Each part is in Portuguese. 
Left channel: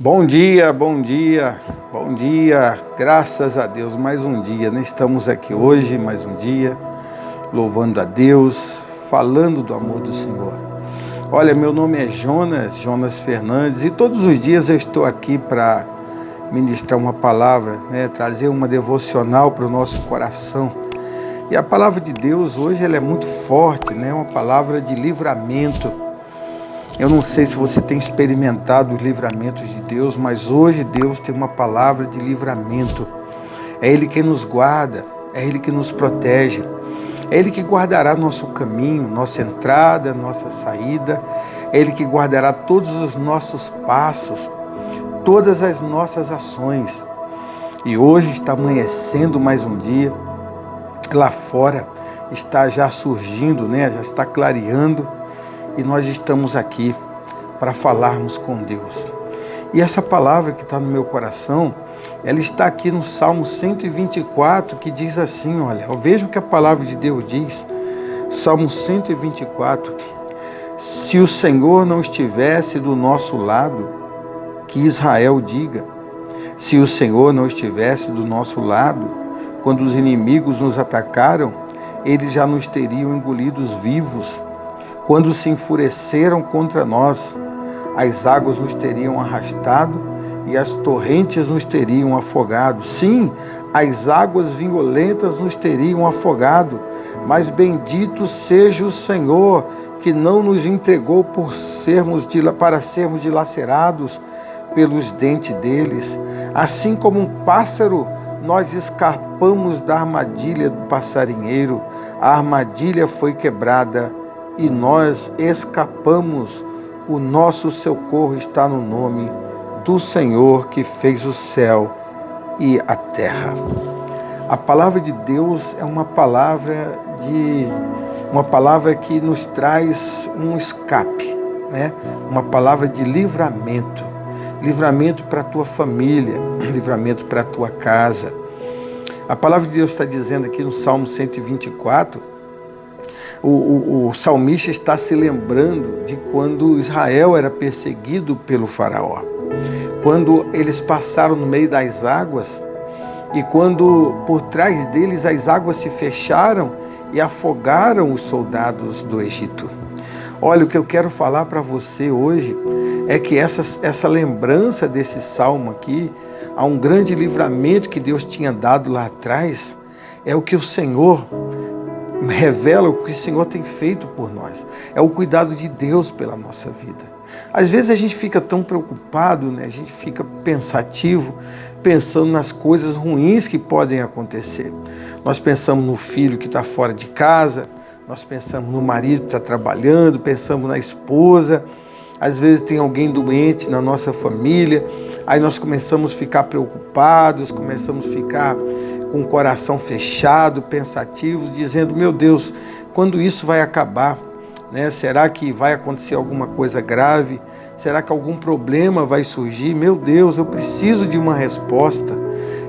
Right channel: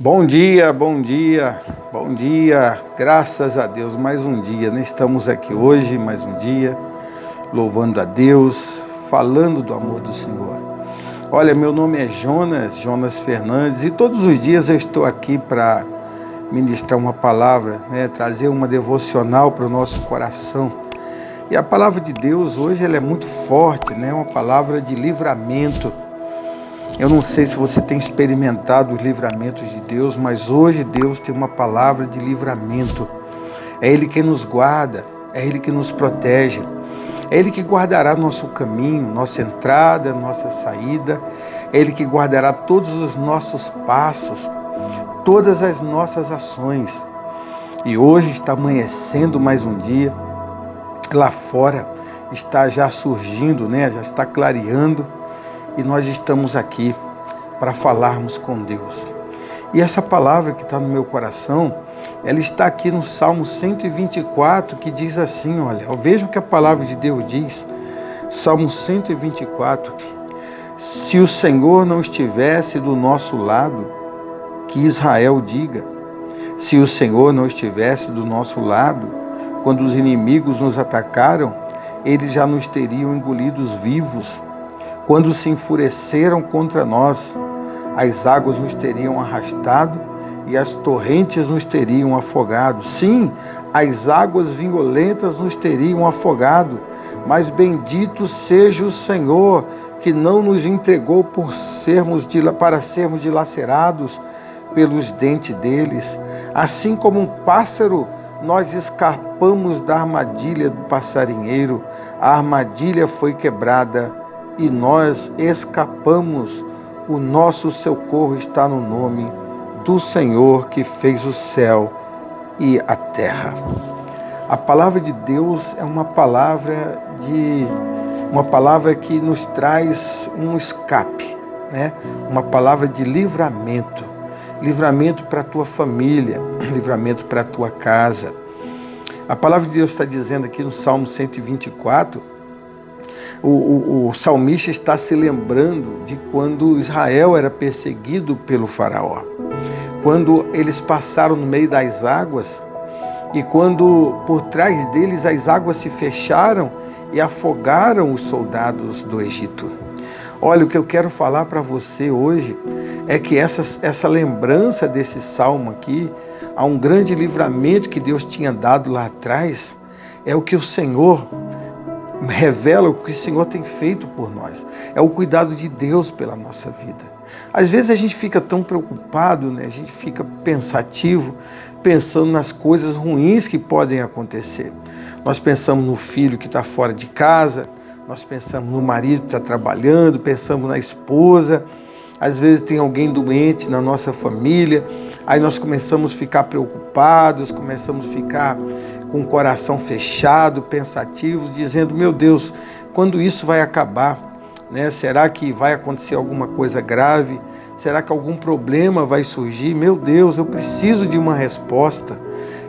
Bom dia, bom dia, bom dia, graças a Deus, mais um dia, né? Estamos aqui hoje, mais um dia, louvando a Deus, falando do amor do Senhor. Olha, meu nome é Jonas Fernandes, e todos os dias eu estou aqui para ministrar uma palavra, né? Trazer uma devocional para o nosso coração. E a palavra de Deus hoje ela é muito forte, né? Uma palavra de livramento. Eu não sei se você tem experimentado os livramentos de Deus, mas hoje Deus tem uma palavra de livramento. É Ele que nos guarda, é Ele que nos protege, é Ele que guardará nosso caminho, nossa entrada, nossa saída, é Ele que guardará todos os nossos passos, todas as nossas ações. E hoje está amanhecendo mais um dia, lá fora está já surgindo, né? Já está clareando. E nós estamos aqui para falarmos com Deus. E essa palavra que está no meu coração, ela está aqui no Salmo 124, que diz assim, olha, eu vejo o que a palavra de Deus diz, Salmo 124, se o Senhor não estivesse do nosso lado, que Israel diga, se o Senhor não estivesse do nosso lado, quando os inimigos nos atacaram, eles já nos teriam engolidos vivos. Quando se enfureceram contra nós, as águas nos teriam arrastado e as torrentes nos teriam afogado. Sim, as águas violentas nos teriam afogado, mas bendito seja o Senhor, que não nos entregou para sermos dilacerados pelos dentes deles. Assim como um pássaro, nós escapamos da armadilha do passarinheiro. A armadilha foi quebrada e nós escapamos. O nosso socorro está no nome do Senhor que fez o céu e a terra. A palavra de Deus é uma palavra que nos traz um escape, né? Uma palavra de livramento. Livramento para a tua família, livramento para a tua casa. A palavra de Deus está dizendo aqui no Salmo 124, o salmista está se lembrando de quando Israel era perseguido pelo faraó. Quando eles passaram no meio das águas e quando por trás deles as águas se fecharam e afogaram os soldados do Egito. Olha, o que eu quero falar para você hoje é que essa lembrança desse salmo aqui, a um grande livramento que Deus tinha dado lá atrás, é o que o Senhor revela, o que o Senhor tem feito por nós. É o cuidado de Deus pela nossa vida. Às vezes a gente fica tão preocupado, né? A gente fica pensativo, pensando nas coisas ruins que podem acontecer. Nós pensamos no filho que está fora de casa, nós pensamos no marido que está trabalhando, pensamos na esposa. Às vezes tem alguém doente na nossa família, aí nós começamos a ficar preocupados, começamos a ficar com o coração fechado, pensativos, dizendo, meu Deus, quando isso vai acabar? Né? Será que vai acontecer alguma coisa grave? Será que algum problema vai surgir? Meu Deus, eu preciso de uma resposta,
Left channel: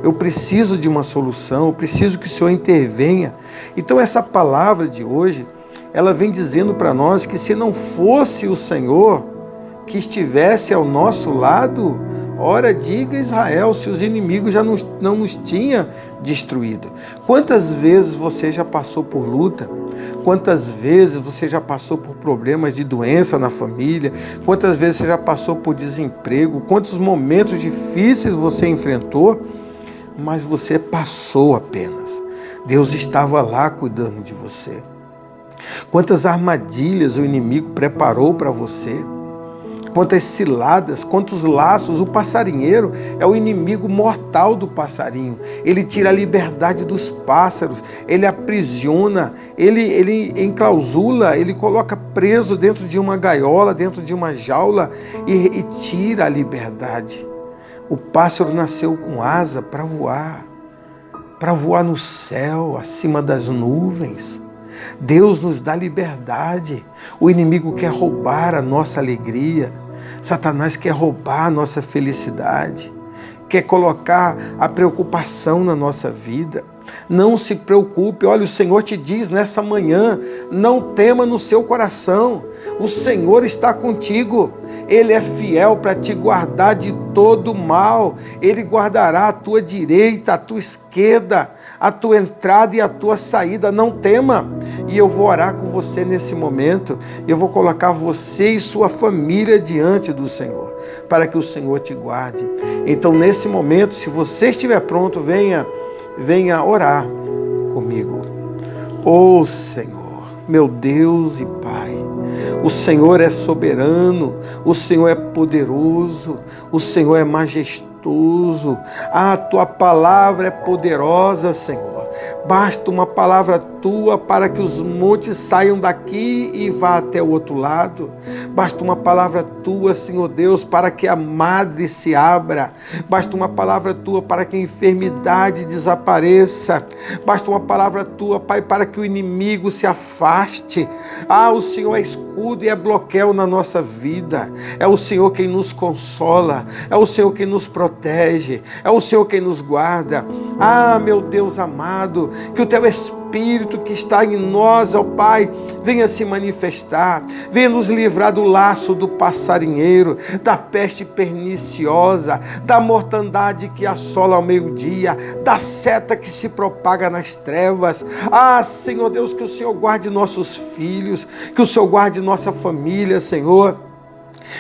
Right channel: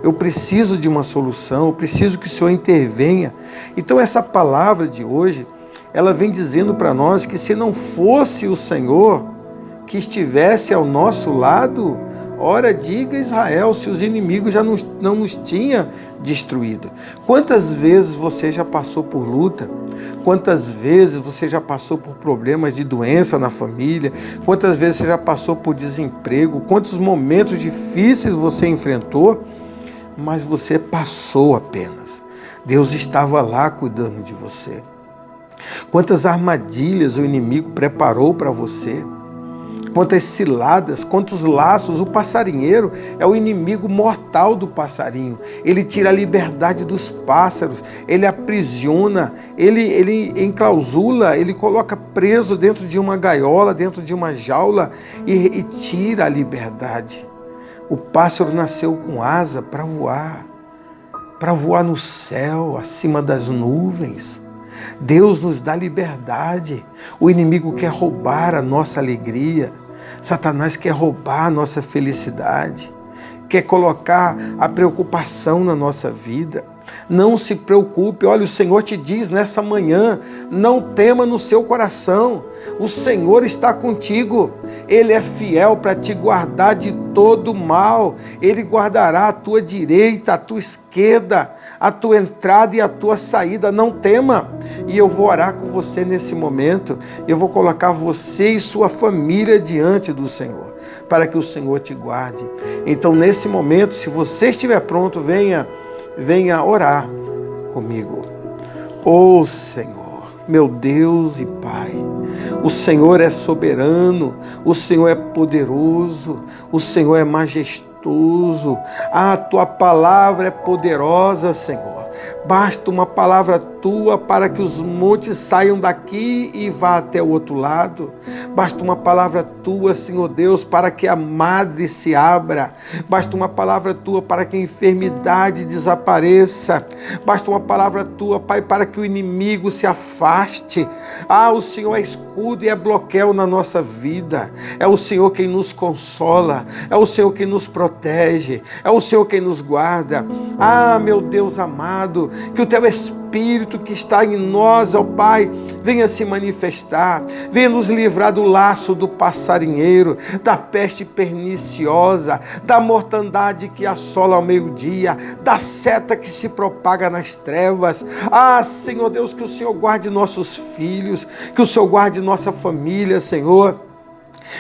eu preciso de uma solução, eu preciso que o Senhor intervenha. Então essa palavra de hoje, ela vem dizendo para nós que se não fosse o Senhor que estivesse ao nosso lado, ora, diga Israel, se os inimigos já não nos tinham destruído. Quantas vezes você já passou por luta? Quantas vezes você já passou por problemas de doença na família? Quantas vezes você já passou por desemprego? Quantos momentos difíceis você enfrentou? Mas você passou apenas. Deus estava lá cuidando de você. Quantas armadilhas o inimigo preparou para você? Quantas ciladas, quantos laços. O passarinheiro é o inimigo mortal do passarinho. Ele tira a liberdade dos pássaros, ele aprisiona, ele enclausula, ele coloca preso dentro de uma gaiola, dentro de uma jaula e tira a liberdade. O pássaro nasceu com asa para voar no céu, acima das nuvens. Deus nos dá liberdade. O inimigo quer roubar a nossa alegria. Satanás quer roubar a nossa felicidade. Quer colocar a preocupação na nossa vida. Não se preocupe, olha, o Senhor te diz nessa manhã, não tema no seu coração, o Senhor está contigo, Ele é fiel para te guardar de todo mal, Ele guardará a tua direita, a tua esquerda, a tua entrada e a tua saída, não tema. E eu vou orar com você nesse momento, eu vou colocar você e sua família diante do Senhor, para que o Senhor te guarde. Então, nesse momento, se você estiver pronto, venha orar comigo. Ô Senhor, meu Deus e Pai, o Senhor é soberano, o Senhor é poderoso, o Senhor é majestoso, a tua palavra é poderosa, Senhor. Basta uma palavra tua para que os montes saiam daqui e vá até o outro lado. Basta uma palavra tua, Senhor Deus, para que a madre se abra. Basta uma palavra tua para que a enfermidade desapareça. Basta uma palavra tua, Pai, para que o inimigo se afaste. O Senhor é escudo e é bloqueio na nossa vida. É o Senhor quem nos consola. É o Senhor quem nos protege. É o Senhor quem nos guarda. Meu Deus amado, que o teu Espírito que está em nós, ó Pai, venha se manifestar, venha nos livrar do laço do passarinheiro, da peste perniciosa, da mortandade que assola ao meio-dia, da seta que se propaga nas trevas. Senhor Deus, que o Senhor guarde nossos filhos, que o Senhor guarde nossa família, Senhor.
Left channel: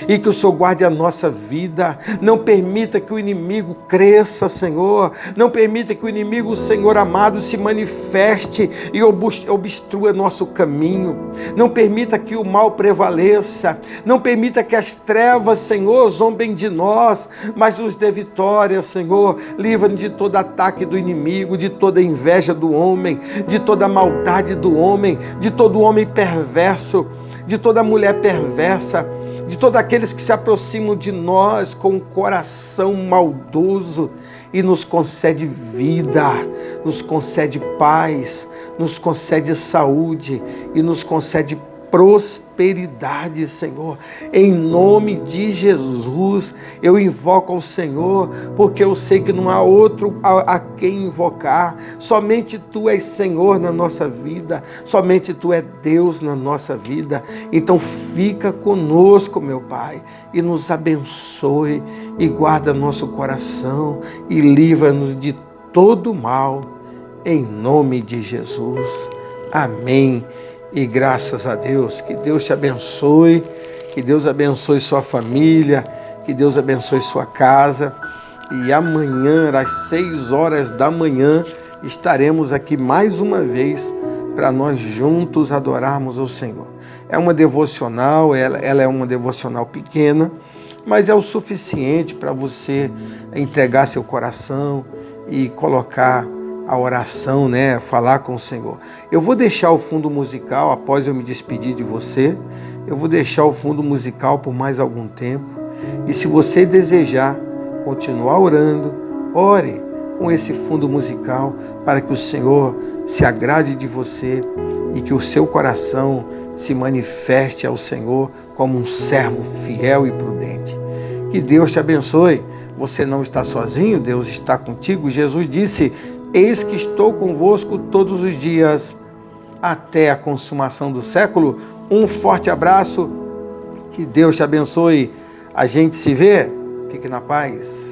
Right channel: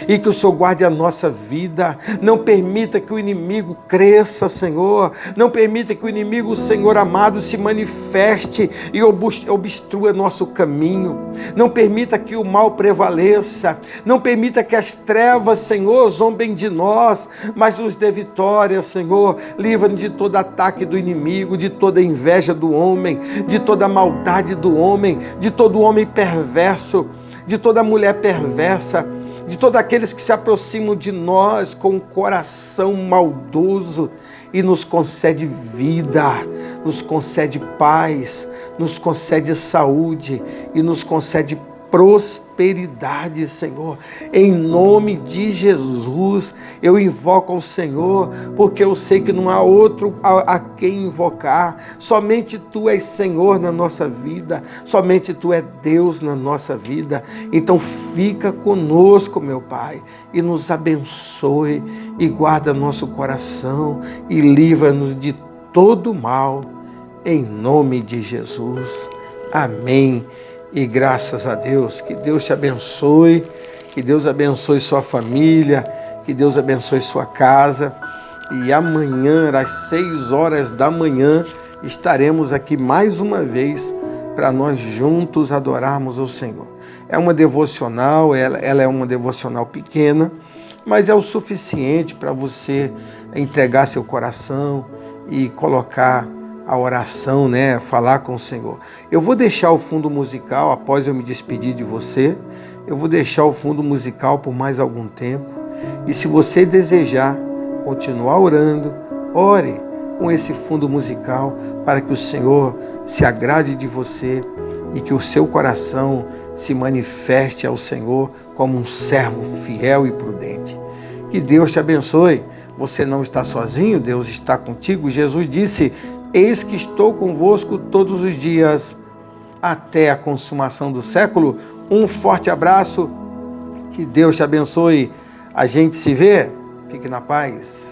E que o Senhor guarde a nossa vida, não permita que o inimigo cresça, Senhor, não permita que o inimigo, Senhor amado, se manifeste e obstrua nosso caminho, não permita que o mal prevaleça, não permita que as trevas, Senhor, zombem de nós, mas nos dê vitória, Senhor, livra-nos de todo ataque do inimigo, de toda inveja do homem, de toda maldade do homem, de todo homem perverso, de toda mulher perversa, de todos aqueles que se aproximam de nós com um coração maldoso e nos concede vida, nos concede paz, nos concede saúde e nos concede prosperidade, Senhor. Em nome de Jesus, eu invoco ao Senhor, porque eu sei que não há outro a quem invocar. Somente Tu és Senhor na nossa vida, somente Tu és Deus na nossa vida. Então fica conosco, meu Pai, e nos abençoe, e guarda nosso coração, e livra-nos de todo mal, em nome de Jesus. Amém. E graças a Deus, que Deus te abençoe, que Deus abençoe sua família, que Deus abençoe sua casa. E amanhã, às 6 horas da manhã, estaremos aqui mais uma vez para nós juntos adorarmos o Senhor. É uma devocional, ela é uma devocional pequena, mas é o suficiente para você entregar seu coração e colocar a oração, falar com o Senhor. Eu vou deixar o fundo musical, após eu me despedir de você, eu vou deixar o fundo musical por mais algum tempo. E se você desejar continuar orando, ore com esse fundo musical para que o Senhor se agrade de você e que o seu coração se manifeste ao Senhor como um servo fiel e prudente. Que Deus te abençoe. Você não está sozinho, Deus está contigo. Jesus disse: eis que estou convosco todos os dias, até a consumação do século. Um forte abraço, que Deus te abençoe. A gente se vê, fique na paz.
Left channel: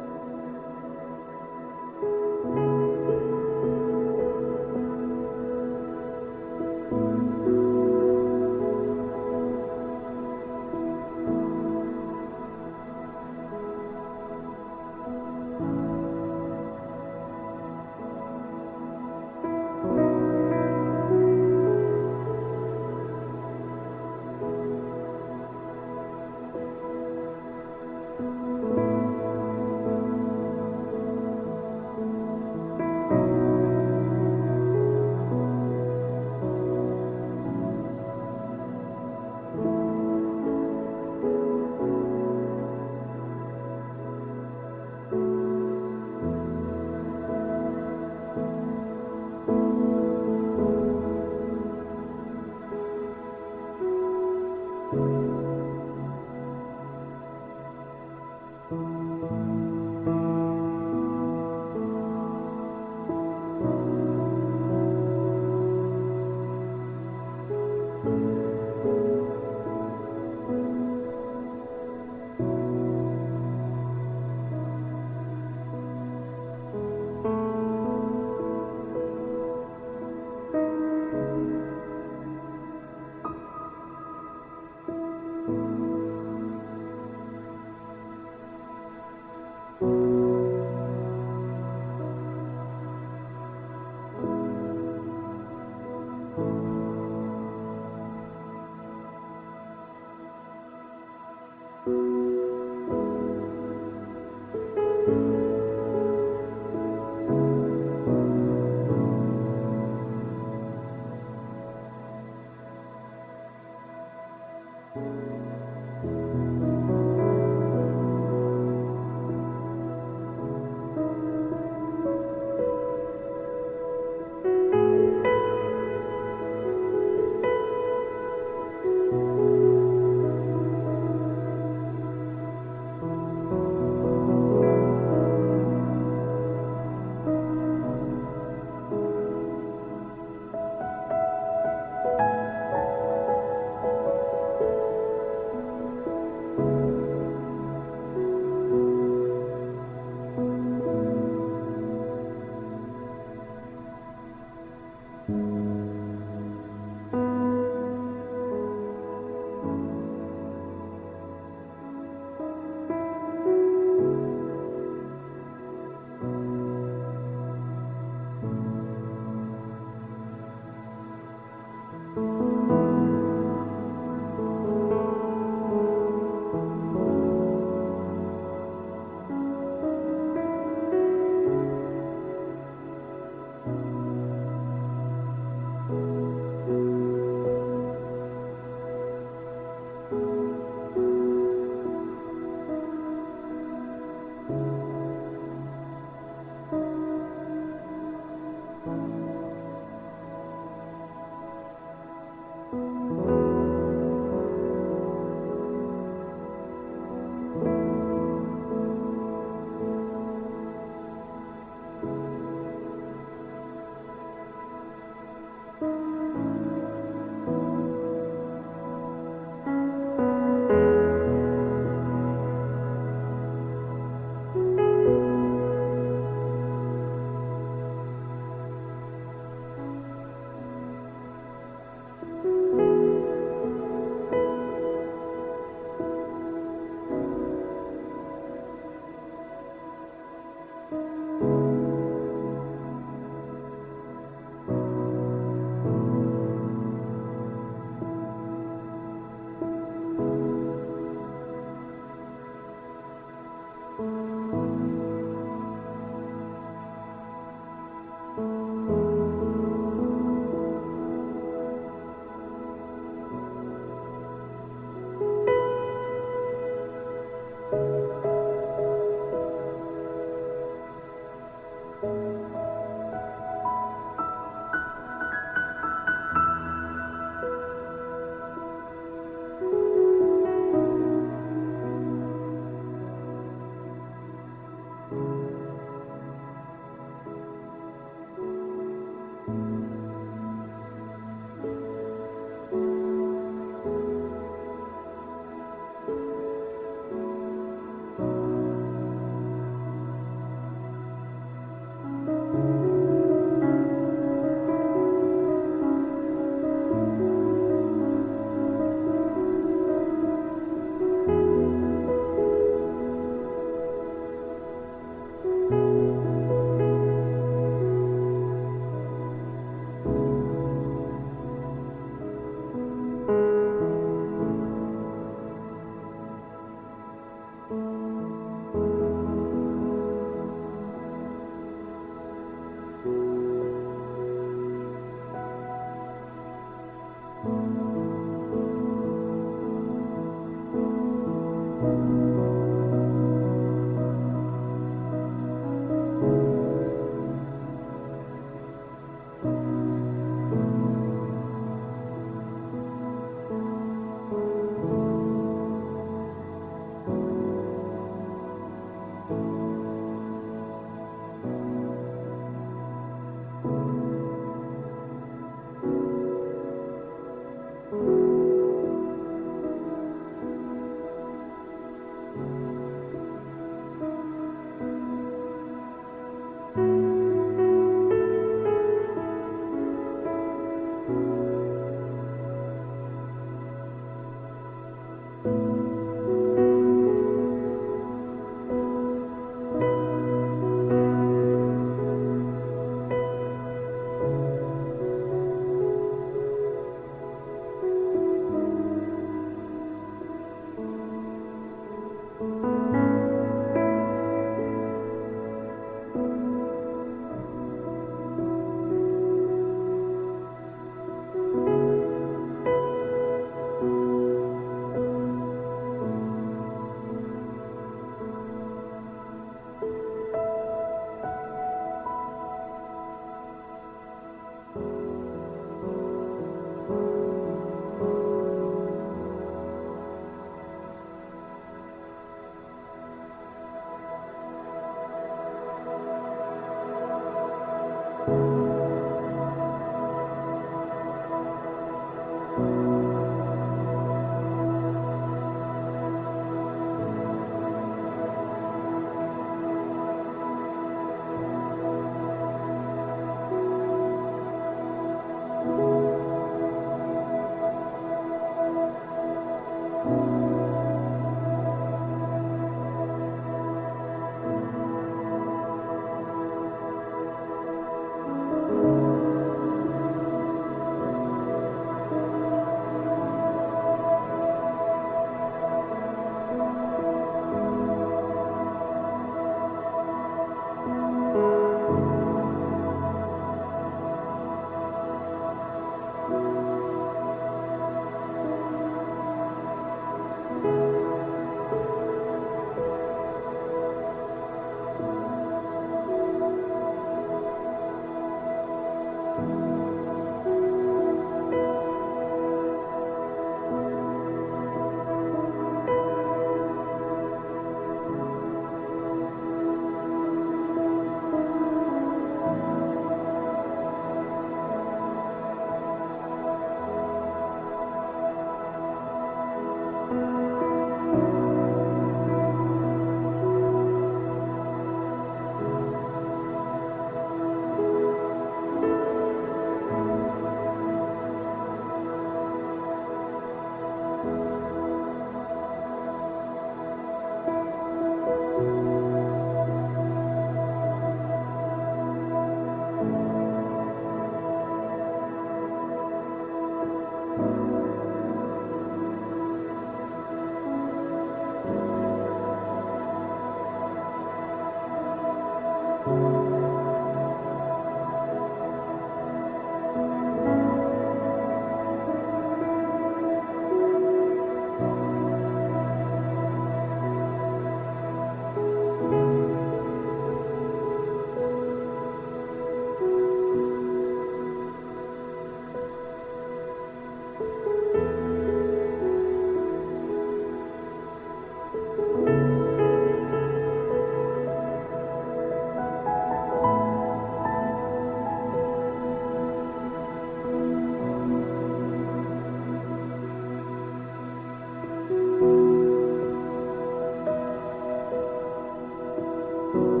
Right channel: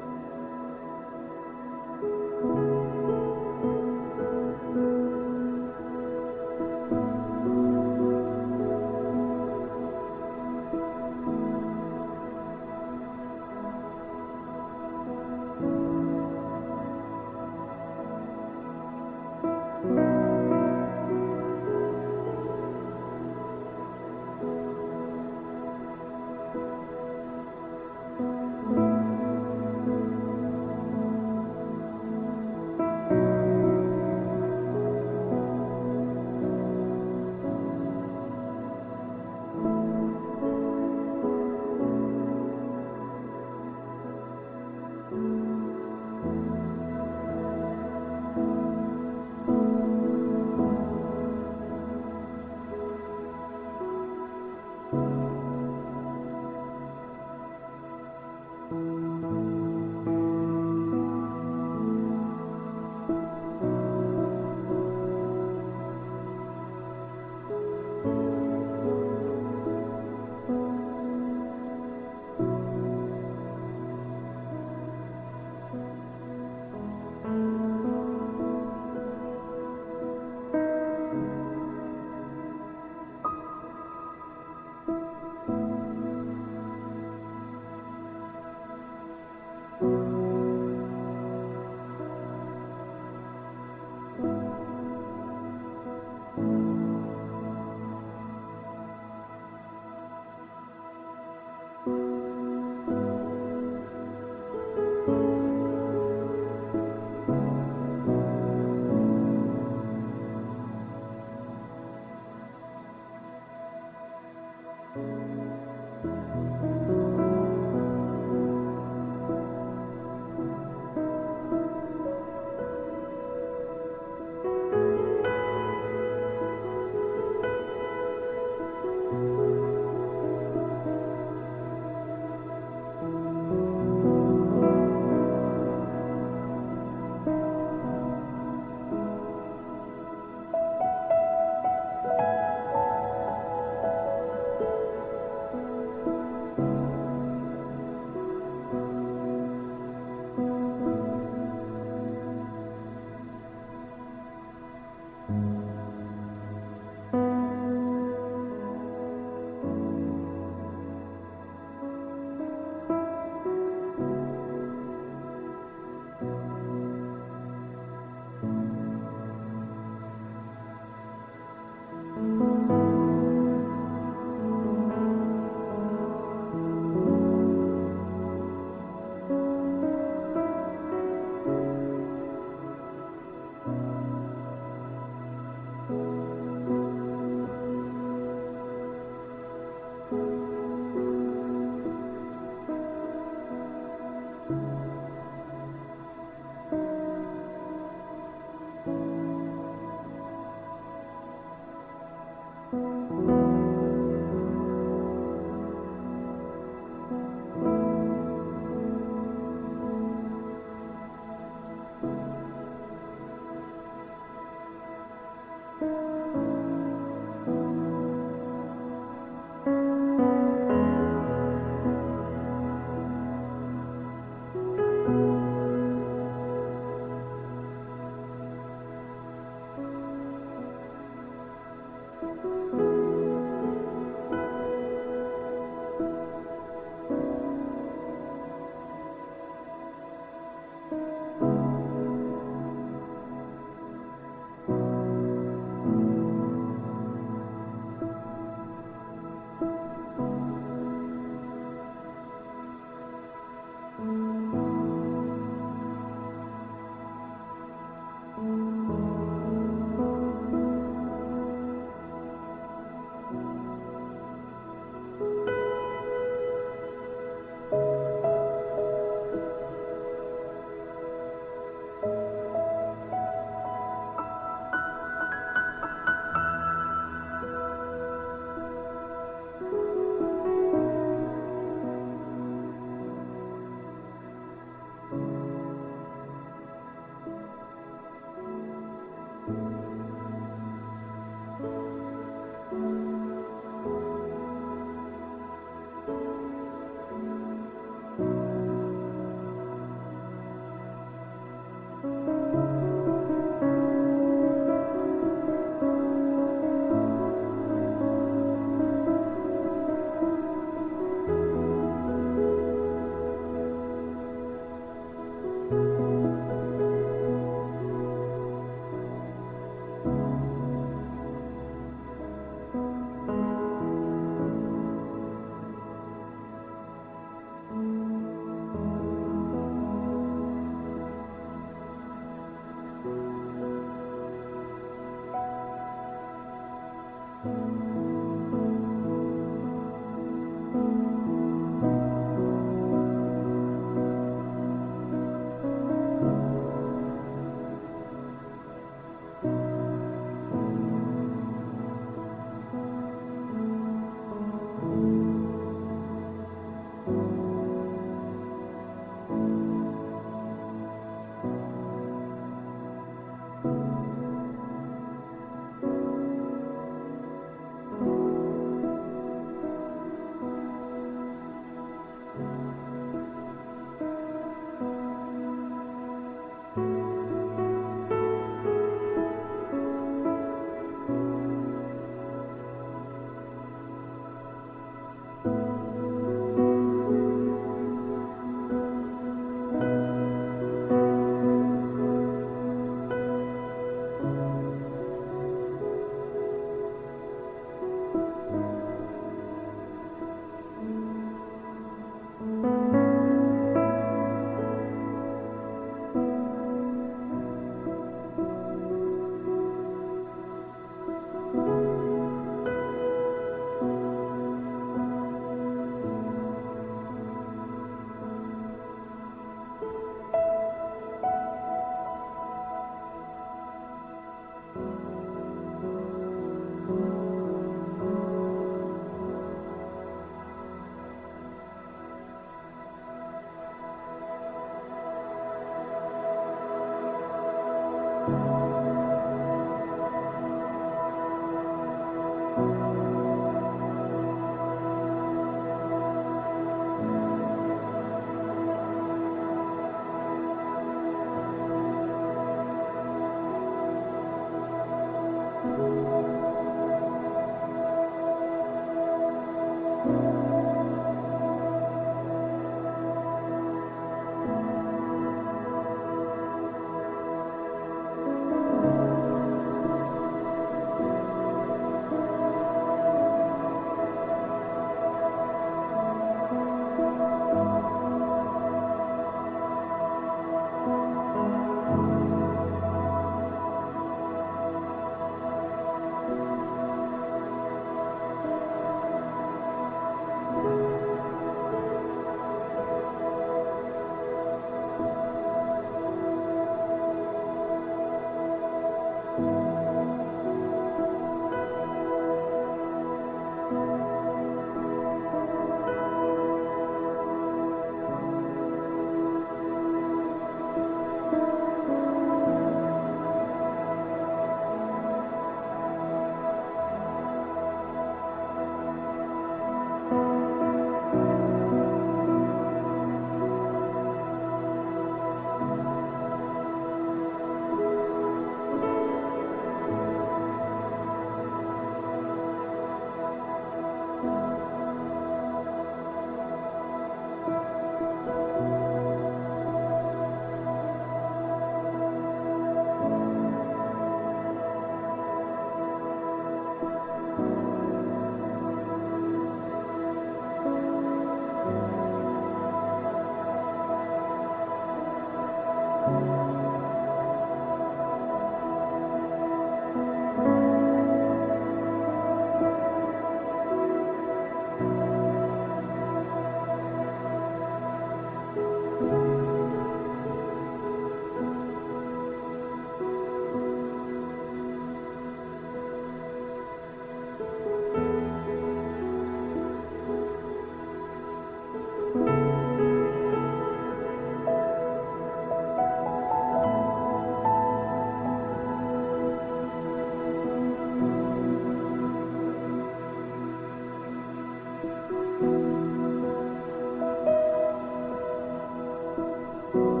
Música